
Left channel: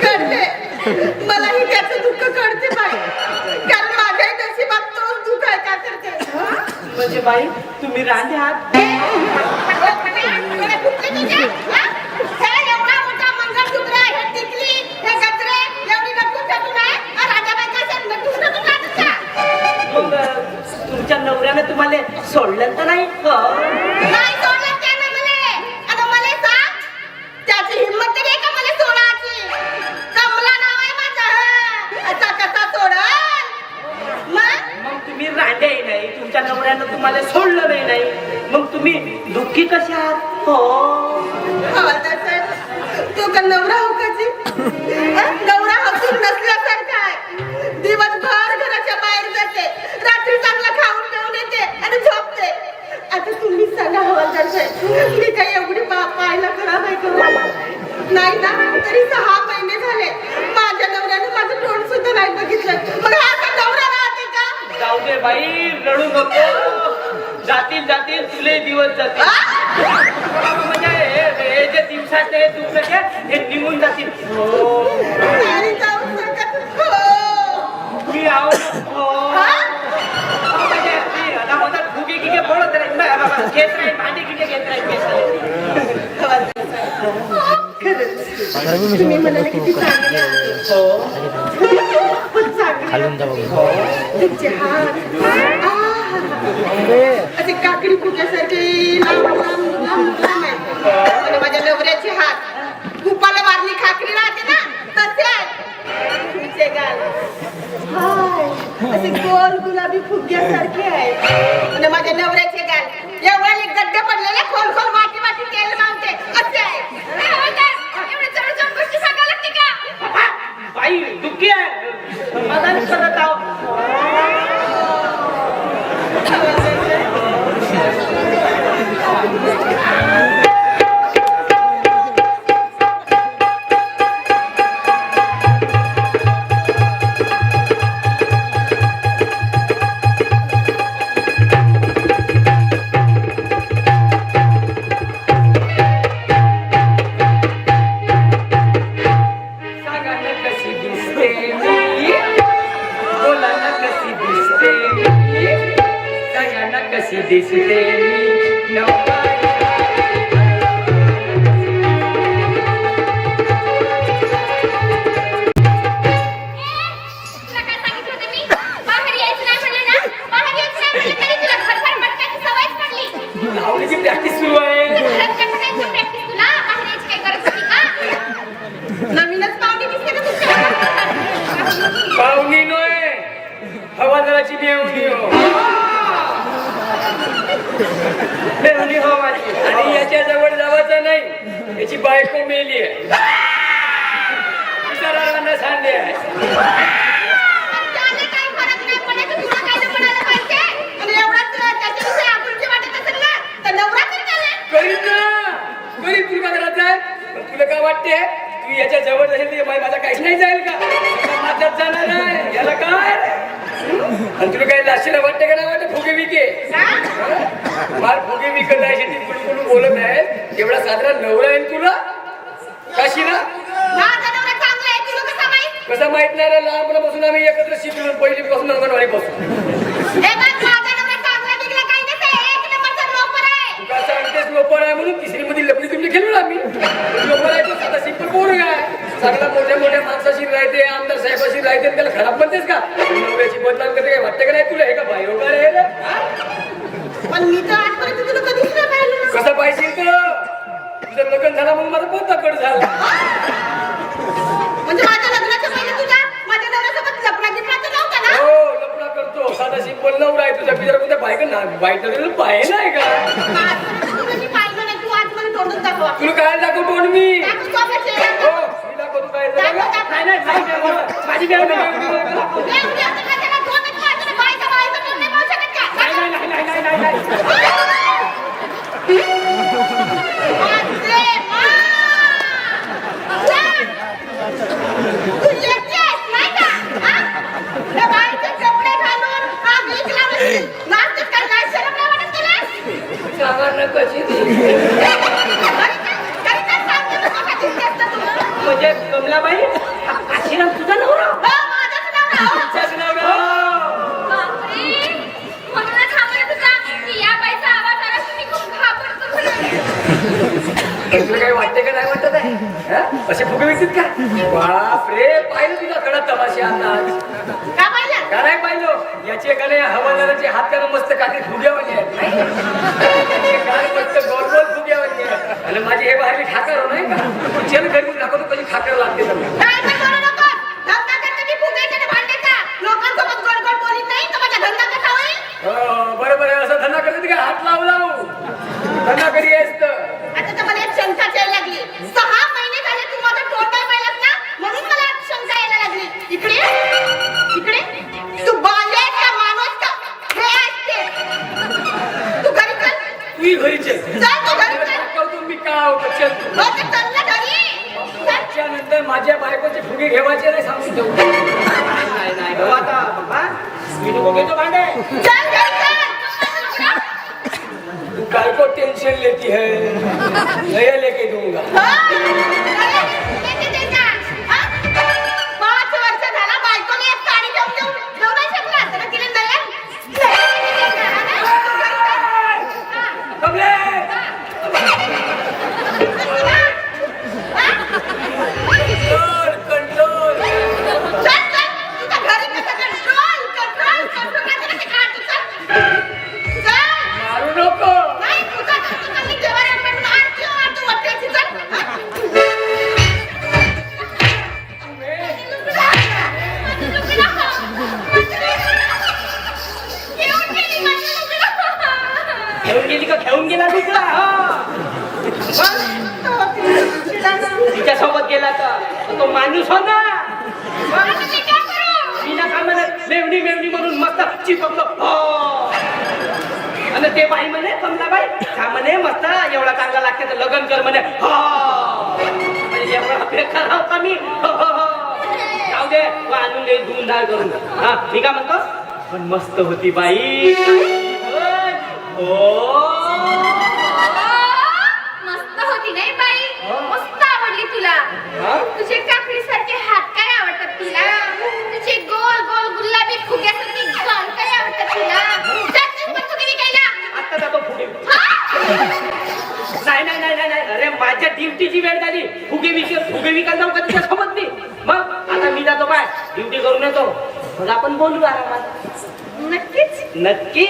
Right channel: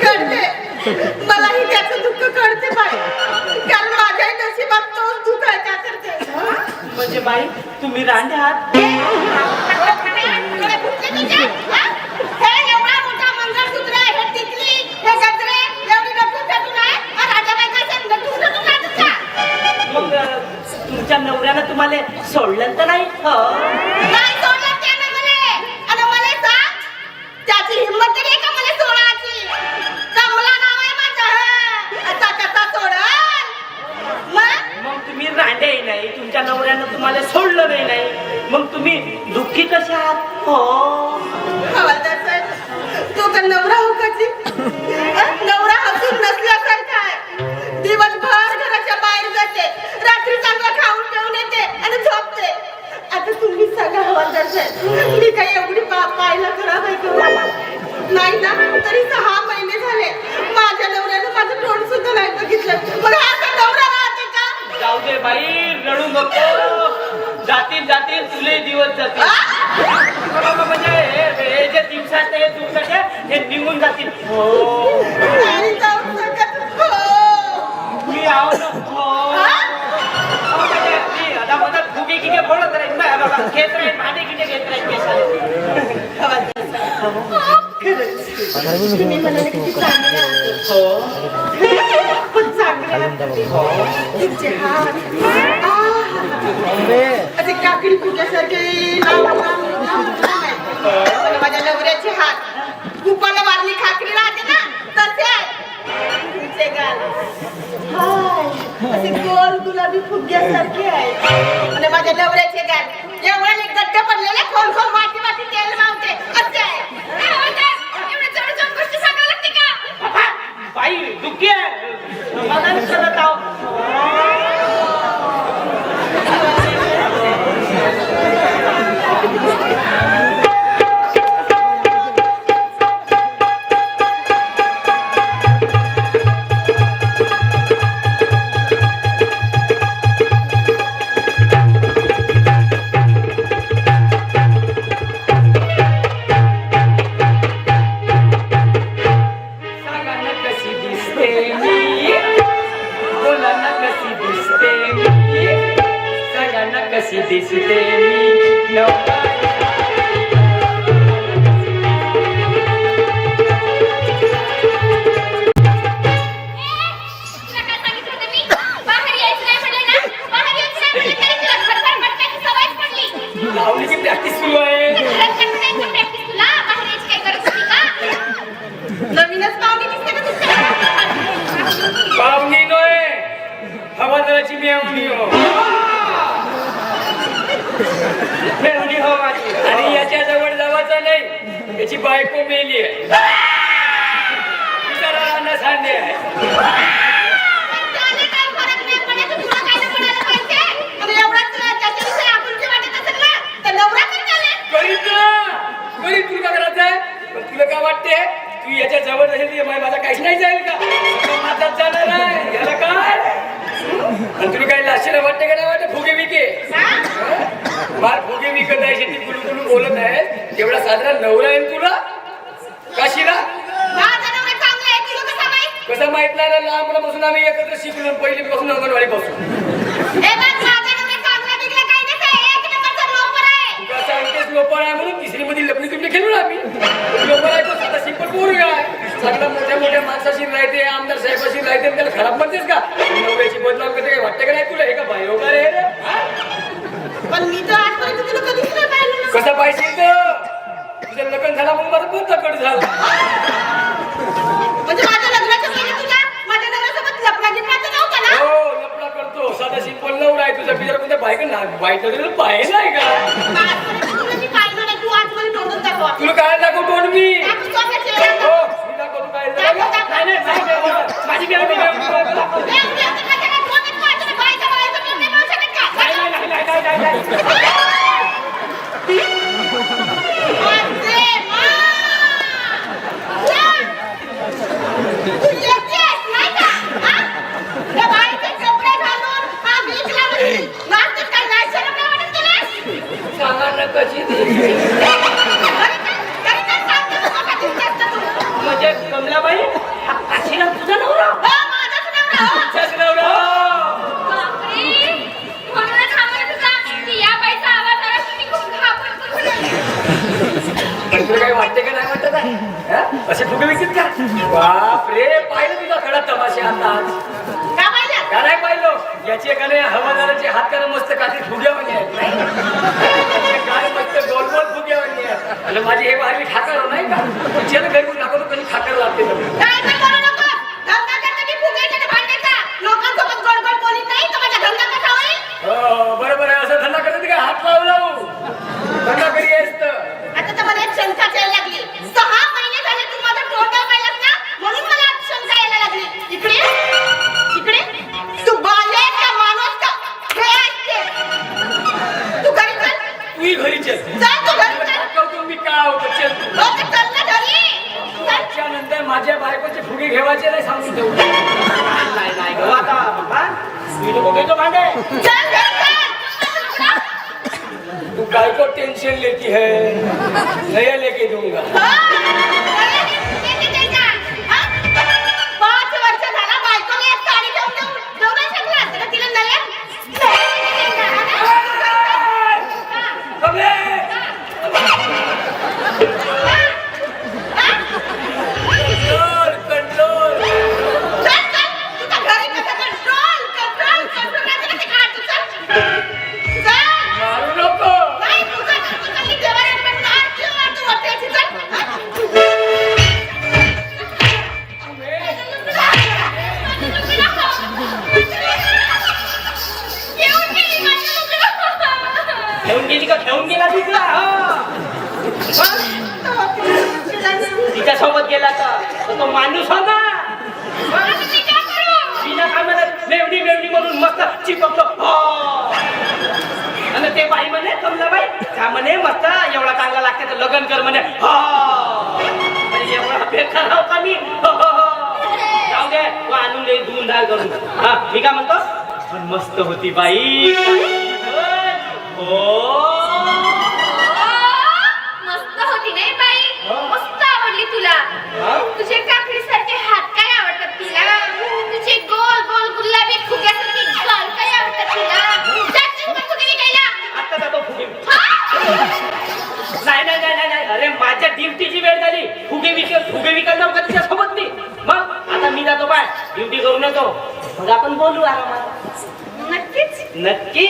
कळते मलाही त्याचं दुःख कळते बाई कारण माझ्या नशिबात तोच दुःख आहे का करते म्हणजे बाई तुम्ही रांडे आहात. तुला कुठले तुझे हे एवढा मोठा मंगळसूत्र हे टिकली हे गजरे एवढी नक्की टाकून आहे आणि राजा बायकाचं नक्की टाकून आहे मग तुमच्या नवऱ्यानं तुम्हाला सोडलं तर नाही? हो. नाही सोडलं त्याने मला आणि मला सांग त्याची हिंमत तरी आहे का मला सोडायची कमला नाव आहे माझं आता कसा सोडल मग तुम्ही रांडे नाही तुमच्या नवऱ्यानं तुम्हाला सोडलं नाही मग तुम्ही दुःखी कशा आहात? हो. तो का नवरा हो कधी नवरा हसून नसल्यासारखा आहे दिवसभर घराच्या बाहेर जाते रात्री चांगला खाऊन पिऊन येते आणि झोपते आता तुम्ही सांगा हवालदार साहेब मी काही एवढी पाहायला खराब आहे का नाही ना तरी 6 महिने झाले माझ्या नवऱ्यानं माझं तोंड सुद्धा नाही बघितलं मग हा का नवरा राहते का जाऊ दे बाई रडू नको जातील जातील तुले दिवस जातील म्हणजे हे जे दिवसात हे दुःख आहे, हे निघून जातील. हो. नाही जाऊ शकत हो मी आहो ना. हो. म्हणजे ती आता म्हणतात फुगे गिगे बोलत राहील ना बाबा खेळ राहील भांडे गिगे घेत राहील केसाला. तुम्ही मला किती चांगले आहात. खूप चांगले तुमचे हात असे काकडी फुग्यासारखे आणि माझ्या नवऱ्याचे हात कुपाला मारली खाकरी राहते ना तसे तुमचे गाल असे गोल गुलाबी फुग्यासारखे आहे आणि माझ्या नवऱ्याचे गाल एवढे गड्डे पडलेले खोल खोल माती माती तेल नव्हते असे आहे ए, हवालदार, एवढं जवळ जाऊन गोष्ट सांगायला लागते का? बाई दुःखी आहे समाधान करत आहो. सांगा ना कशी दिसते मी, बोला ना कशी दिसते मी, सांगा ना कशी दिसते मी, नवरा तुला काय सांगितलं होतं मी? बाहेर यायचं नाही म्हणलं ना? बाहेर यायचं नाही म्हणलं तरी तुला घरभर भटकायची सवयच पडली. लावणीची प्रॅक्टिस सुरू आहे. घरात म्हणायचं practice तुला? बाहेर यायची काही गरज होती का? नवीनच पाहुणी दिसते का तुमच्या पाहुणी नोय हवालदाराची मेवणी हो. मेवणी हो माझी. आणि याच्या जवळ जावायचं नाही याची बायको मेली आहे विचारायला सांगे त्याने काही फरक नाही पडत तुला काय म्हणायला पाहिजे आणि एवढाच त्याच्याविषयी आपुलकी वाटत असेल ना तर नवरा करताना करीत ना करीत तुला करायचं आहे पण तुला काय वाटते तू याच्या जवळ जाईल तर माझा काहीच नाही जाईल का माझाच जाणार आहे याला काय आणि तुला काही लाशीला वाटते का नाही वाटत फुगे विके मला फुगे विकत आहे ती तुम्ही बोलत आहे एवढा साधारण नवरा आहे तुला काशीला माझा नवरा चांगला आहे तुला कसा माहित कसं माहित नाही रे लहानपणापासून आम्ही एकत्र शिकलो पहिलीपासून अंगणवाडी पासून हे बघ माझा नवरा चांगला निघला काही नाही एक नंबरचा लोपर आहे तू का सांगतेस लोपर आहे म्हणून तिसरी मध्ये लपडी तुमची खेळू आम्ही लोपर आहे तर साधा सिंपल बोलू काय सगळं मोठ्या मोठ्या माणसाशी राहते आमदार साहेबाशी राहते त्याला खराब म्हणतेस का नवऱ्याची बदनाम करते काय वाटतं का नाही तुला हे का बायो का रे पण मी तर आजपर्यंत तुला कधीच नाही पाहिलं ना. कसा पाहिजे तर तुझं लग्न झाला म्हणून माझं पोत कट झाला म्हणजे माझ्या लग्नाच्या पहिले तुझ्या माझ्या नवऱ्यासोबत ना हो लपडा करतो साधा सिंपल नवरा आहे तुझ्या बिचारा कोणत्या बायका ना बायका पाहिलं आहे का तुला मी पाहिलं नाही तू आज मला तोडून दाखवा तुला काय दाखव तोंड मी दाखव स्वतःचे. हो मी दाखवतो काय दाखव, झालं. दाखव. नाही, नाही, नाही, नाही, माझी गरज नाही, माझी गरज नाही. नाही, उद्या असं माझ्या काय तोंडात मारते ना, बाईचं तोंड नाही बोलू शकत का? नाही, नाही, नाही, नाही, नाही, नाही. माझे मा. या. तू येतेस, नाही का? हा? त्या बाईचे कपडे घालून, हा वीज लावून, नाचतेस काय? नाही शरम नाही वाटत तुला? सामान्य कशी ती? तरी काय सांगते तू, कसा दिसतेस तर तू? म्हणजे कमलाबाई आशीर्वाद तुझा नवरा हो, माझाच नवरा, हो. तुझाच नवरा. बापरे, म्हणूनच आम्हाला तुझा की या बाईचा आवाज आला की मी खूप घाबरतो. पण तुला काही वाटते का नाही वाटत आहे हा? असे फुगे विकत का बाप रे पाहिलं तुझा खडा तमाशे आता आज. का पाहिलं? का नाही पाहिलं याचे एकाने हवादाराचे हात त्याला मस्त काठी फुग्यावाले आहेत त्याचे काय मस्त गोल गोल फुग्यावाले आहेत. आणि माझी हे बाहेर खाकर नाही का चल घरी दाखवतो कधी खाकर लागते तर. काय ते करू नको. धंदा करते मी फुगायचा आणि भांडायचा. लोकांसोबत गोड गोड बोलीत नाही तर माझा धंदा कसा होईल? बरं बरं असं धंदा करत काय हात लावू धंदा करी असतं. आता तर मला एक शंका यायला लागली. 6 महिने झाले तू माझं तोंड नाही पाहिलंस ना, म्हणून मला आज शंका यायला लागली. इकडे तू बाले का माणूस का हे असते. तू घरी चल. तू घरी चल चल तू घरी चल. करतो मी काय होतं चल तू. हो तर चल ना घरी. चल. त्याच्यानंतर माझ्या बायकोचे फुगे घेवायचे नाही सांगून ठेवतो. नाही, नाही, बाबा, आता, बाबा, मी नको घेतो भांडे. चल घरी चल. तू काय को टेंशन लेती है नया लेके दूंगा. किती द्यायचा? हा? 5 वर्ष झाला बायकोने एक साडी घेऊन नाही शकला. तर तिला नयन कमले! कंट्रोल तुझ्या घरी कसं कंट्रोल नाही ते काढ तू. चल. मारू नको. नाही तुझं मी देवाऱ्यात पण नाक किंवा तू वाटायची घेऊन गेली का घेऊन गेला तिकडा तिच्यासोबत गेला तर तो माणूस हो ना तिच्या कामाला मेवणी मेवणी म्हणून मस्त चिपकलो आणि ते बाई म्हणे कमलाबाई हा म्हणे मस्त एवढा चांगला लागते तर लग्न कर म्हणे एवढा बेकार राव का मी जाऊ दे आणून दे धुवून डाळ करून हा मी काय म्हणतो पण मस्त होती बाई हो मस्त होती नाही बाई मस्त आवडली तुला तुझे काकडी सारखे हात काय आवडतात तुला तुझे गोल गोल गुलाबी फुग्यासारखे गाल काय आवडतात तुला जाशील का तू कधी गेला आता जातो फुगे नाही नाही नाही नाही अरे माझ्या ड्युटीची वेळ झाली फुगे विकायला जाऊ का तिच्यासोबत मी मग आता मी जातो बाय ड्युटी करून येतो मग आपण बोलू आरामात नक्कीच नक्की